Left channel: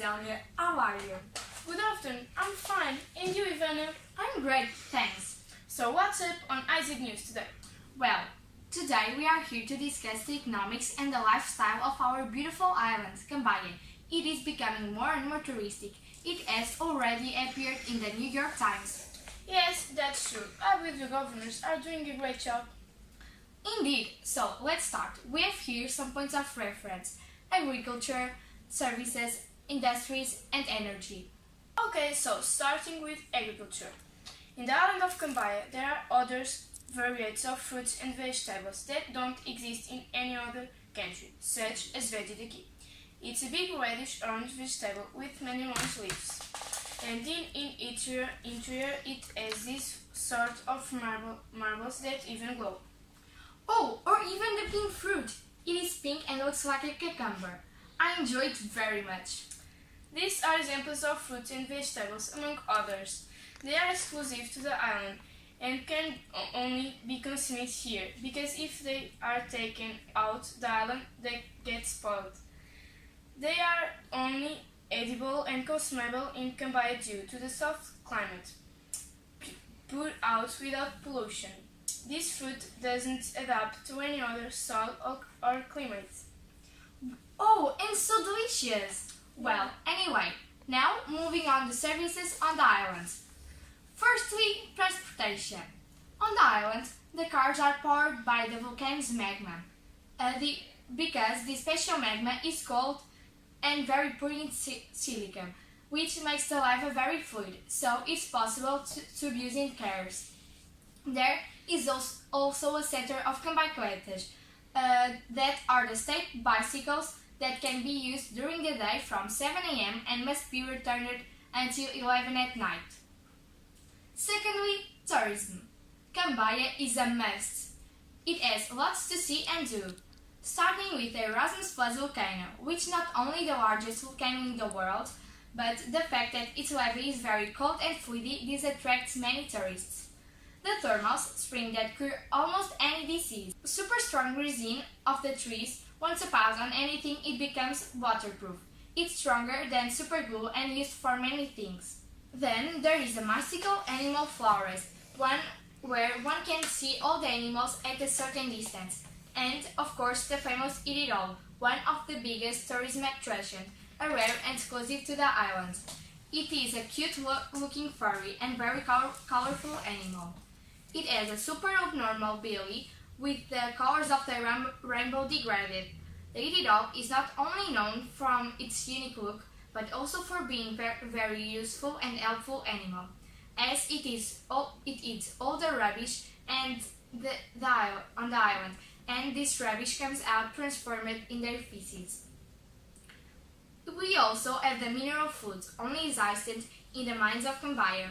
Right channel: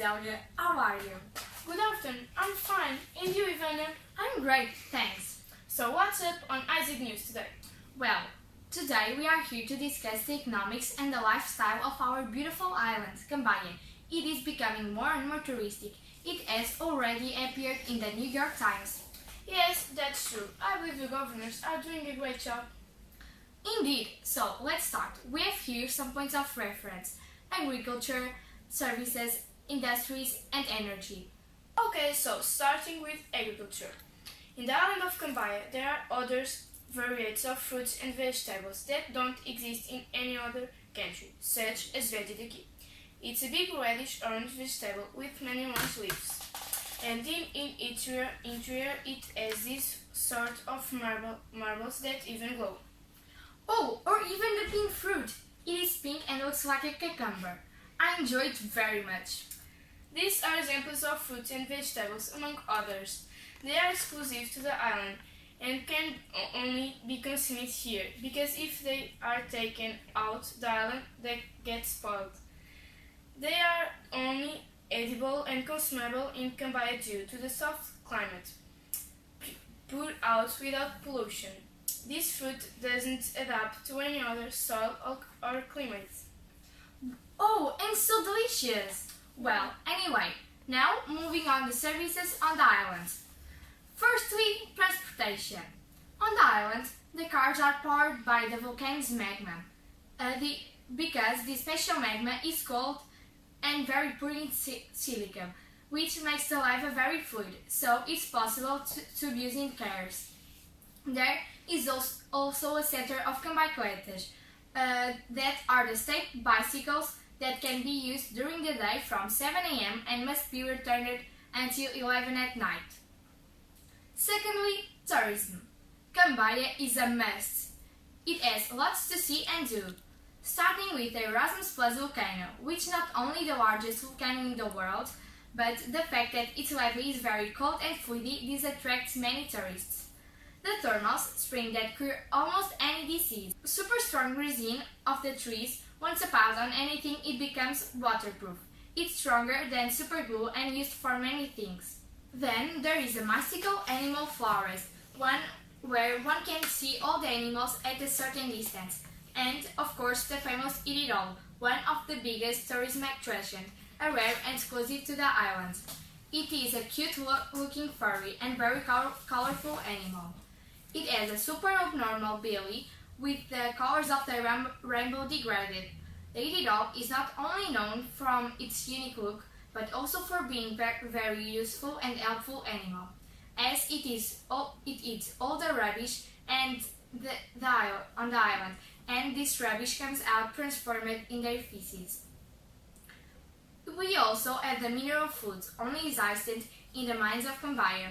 afternoon, Zelga. How are you? Good afternoon, I'm fine. And you, Ivana? I'm great, thanks. So what's up on IZ News today? Well, today we are here to discuss the economics and the lifestyle of our beautiful island, Cambaya. It is becoming more and more touristic. It has already appeared in the New York Times. Yes, that's true. I believe the governors are doing a great job. Indeed. So, let's start. We have here some points of reference: agriculture, services, industries, and energy. Okay, so starting with agriculture. In the island of Cambaya, there are other varieties of fruits and vegetables that don't exist in any other country, such as veggie. It's a big reddish orange vegetable with many long leaves. And in interior it has this sort of marbles that even glow. Oh, or even the pink fruit. It is pink and looks like a cucumber. I enjoy it very much. These are examples of fruits and vegetables, among others. They are exclusive to the island and can only be consumed here, because if they are taken out the island, they get spoiled. They are only edible and consumable in Cambaya due to the soft climate, put out without pollution. This fruit doesn't adapt to any other soil or climate. Oh, and so delicious! Well, anyway, now moving on to services on the island. Firstly, transportation. On the island, the cars are powered by the volcano's magma, because the special magma is cold and very poor in silica, which makes the lava very fluid, so it's possible to use in cars. There is also a center of cambaicletas, that are the state bicycles that can be used during the day from 7 a.m. and must be returned until 11 at night. Secondly, tourism. Cambaya is a must. It has lots to see and do, starting with the Erasmus Plus volcano, which is not only the largest volcano in the world, but the fact that its lava is very cold and fluidy. This attracts many tourists. The thermals spring that cure almost any disease. Super strong resin of the trees, once applied on anything, it becomes waterproof. It's stronger than super glue and used for many things. Then there is a mystical animal forest, one where one can see all the animals at a certain distance. And, of course, the famous Eat It All, one of the biggest tourism attractions, a rare and exclusive to the island. It is a cute-looking furry and very colorful animal. It has a super abnormal belly with the colors of the rainbow degraded. The Eat It All is not only known from its unique look, but also for being very useful and helpful animal, as it eats all the rubbish on the island, and this rubbish comes out transformed in their feces. We also have the mineral foods, only existent in the mines of Cambaya,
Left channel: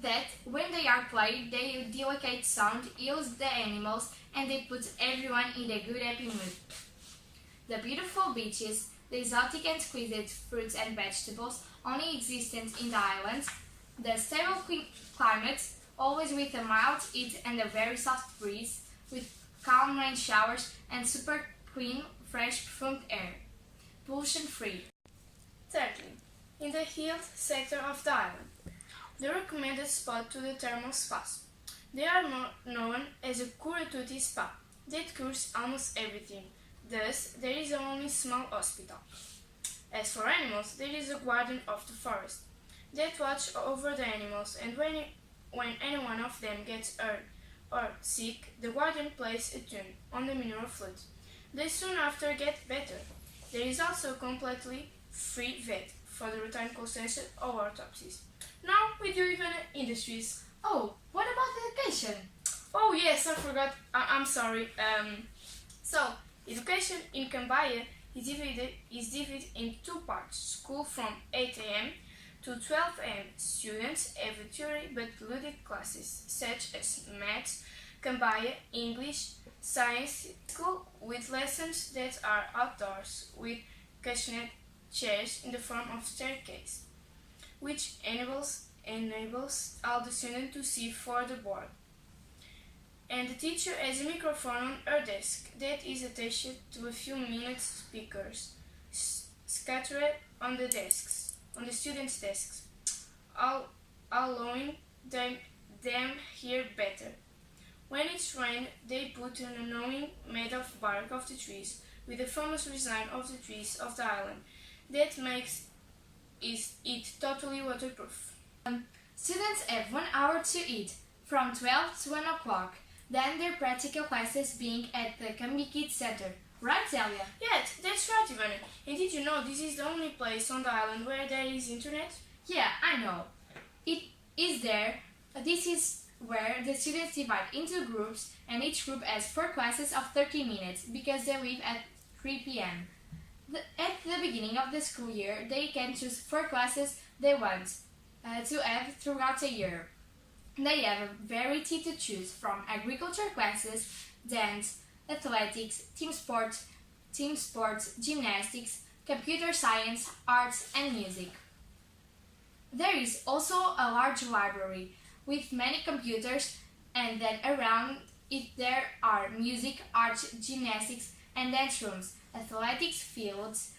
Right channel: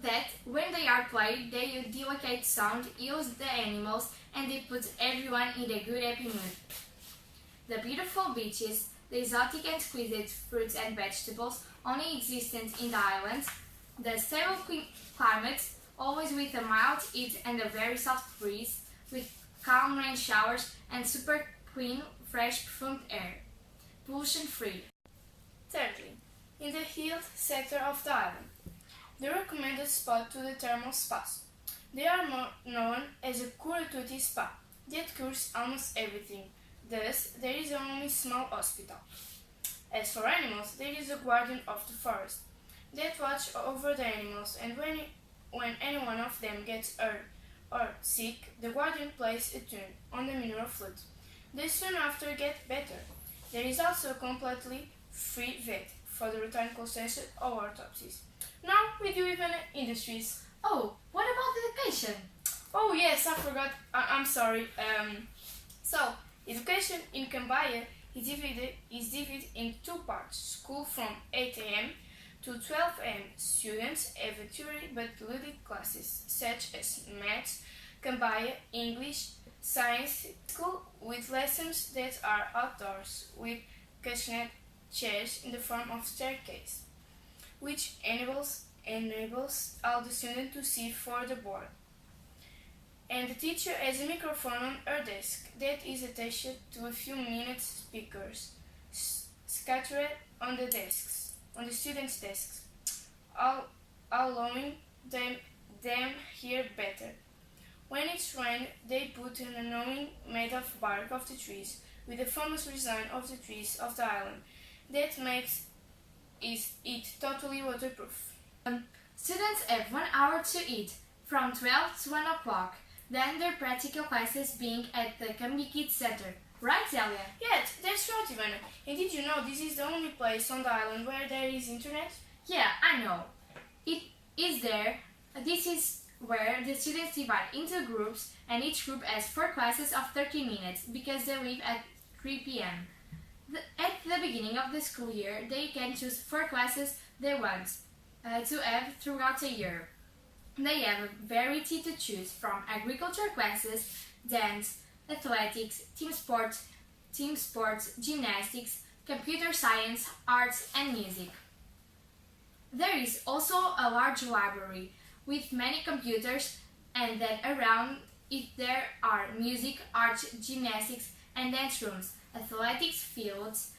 that when they are played, their delicate sound heals the animals and they put everyone in a good happy mood. The beautiful beaches, the exotic and exquisite fruits and vegetables only existent in the islands, the stable climate, always with a mild heat and a very soft breeze, with calm rain showers and super clean, fresh, perfumed air, pollution-free. Thirdly, in the health sector of the island, the recommended spot to the thermal spas. They are more known as a curative spa that cures almost everything. Thus, there is only small hospital. As for animals, there is a guardian of the forest that watch over the animals, and when any one of them gets hurt or sick, the guardian plays a tune on the mineral flute. They soon after get better. There is also a completely free vet for the return consultation or autopsies. Now with you, even industries. Oh, what about education? Oh yes, I forgot. I'm sorry. So education in Cambaya is divided in two parts. School from 8 a.m. to 12 a.m. Students have a theory but diluted classes such as maths, Cambaya, English, science. School with lessons that are outdoors with cushioned chairs in the form of staircase, which enables all the students to see for the board. And the teacher has a microphone on her desk that is attached to a few minute speakers scattered on the students' desks, allowing them hear better. When it's rain, they put an awning made of bark of the trees, with the famous design of the trees of the island that makes it totally waterproof. Students have 1 hour to eat, from 12 to 1 o'clock. Then their practical classes being at the Cambi Kids Center. Right, Celia? Yes, that's right, Ivana. And did you know this is the only place on the island where there is internet? Yeah, I know. It is there. This is where the students divide into groups, and each group has 4 classes of 30 minutes because they leave at 3 p.m. At the beginning of the school year, they can choose 4 classes they want to have throughout the year. They have a variety to choose from: agriculture classes, dance, athletics, team sports, gymnastics, computer science, arts, and music. There is also a large library with many computers, and then around it there are music, arts, gymnastics, and dance rooms, athletics fields,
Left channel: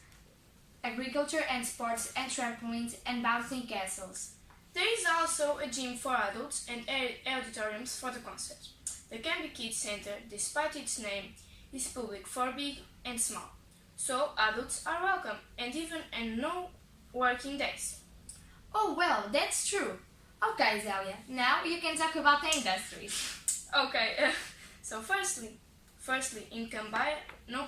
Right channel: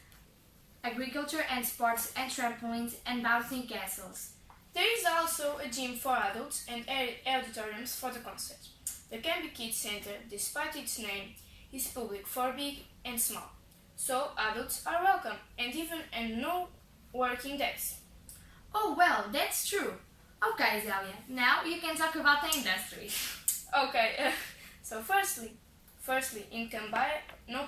agriculture and sports, and trampolines and bouncing castles. There is also a gym for adults and auditoriums for the concert. The Cambi Kids Center, despite its name, is public for big and small, so adults are welcome, and even on no working days. Oh well, that's true. Okay, Zelia, now you can talk about the industries. Okay, so firstly, in cambaya, no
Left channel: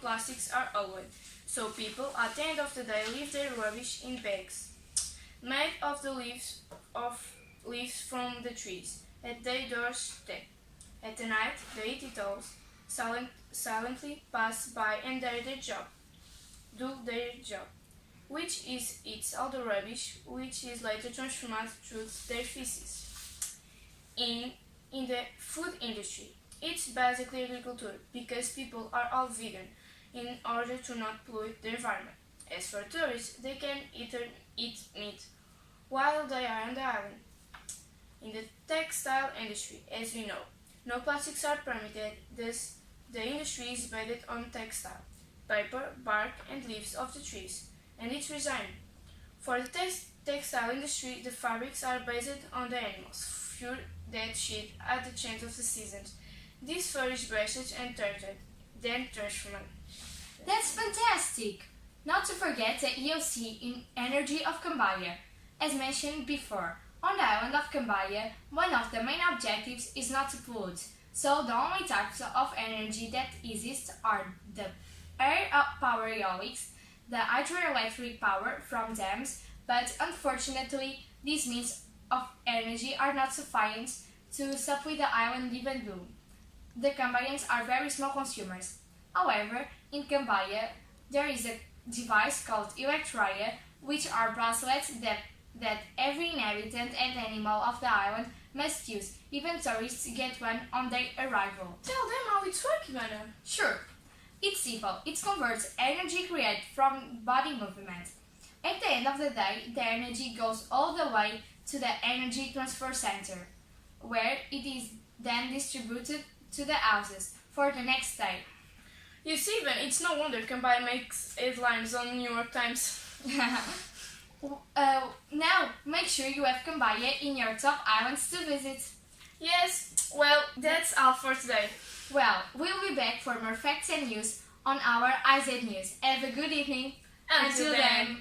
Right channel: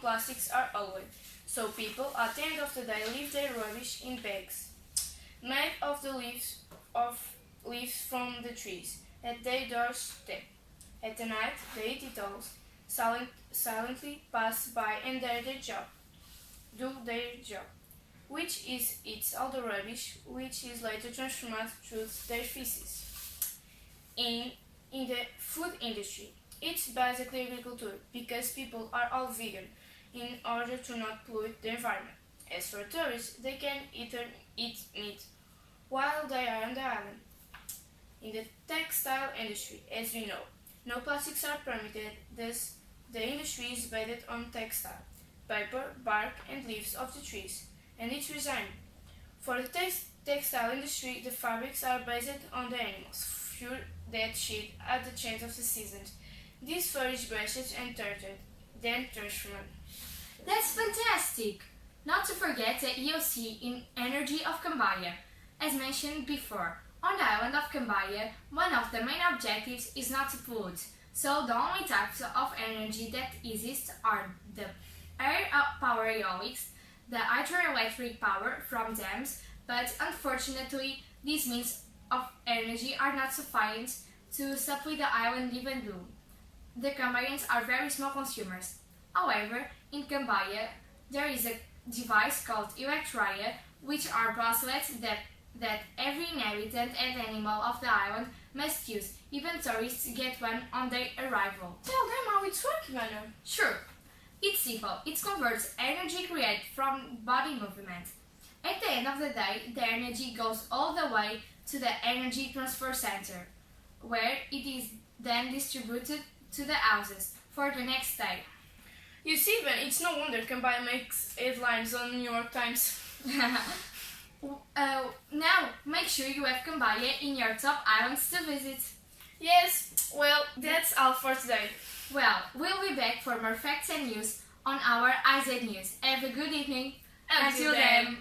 plastics are allowed, so people at the end of the day leave their rubbish in bags made of the leaves from the trees at their doorstep. At the night, they eat it all, silently pass by and do their job, which is eats all the rubbish, which is later transformed through their feces. In the food industry, it's basically agriculture because people are all vegan in order to not pollute the environment. As for tourists, they can eat meat while they are on the island. In the textile industry, as we know, no plastics are permitted, thus the industry is based on textile, paper, bark, and leaves of the trees, and its resin. For the textile industry, the fabrics are based on the animals' fur that shed at the change of the seasons. This fur is brushed and turned, then transformed. That's fantastic! Not to forget the EOC in energy of cambaya. As mentioned before, on the island of Cambaya, one of the main objectives is not to pollute, so the only types of energy that exist are the air power eolics, the hydroelectric power from dams, but unfortunately these means of energy are not sufficient to supply the island even though the Cambayans are very small consumers. However, in Cambaya, there is a device called Electria, which are bracelets that every inhabitant and animal of the island must use. Even tourists get one on their arrival. Tell them how it's working, Ivana. Sure. It's simple. It converts energy created from body movement. At the end of the day, the energy goes all the way to the energy transfer center, where it is then distributed to the houses for the next day. You see, Ivan, it's no wonder Cambaya makes headlines on New York Times. Now, make sure you have Cambaya in your top islands to visit. Yes, well, that's all for today. Well, we'll be back for more facts and news on our IZ News. Have a good evening. Until then.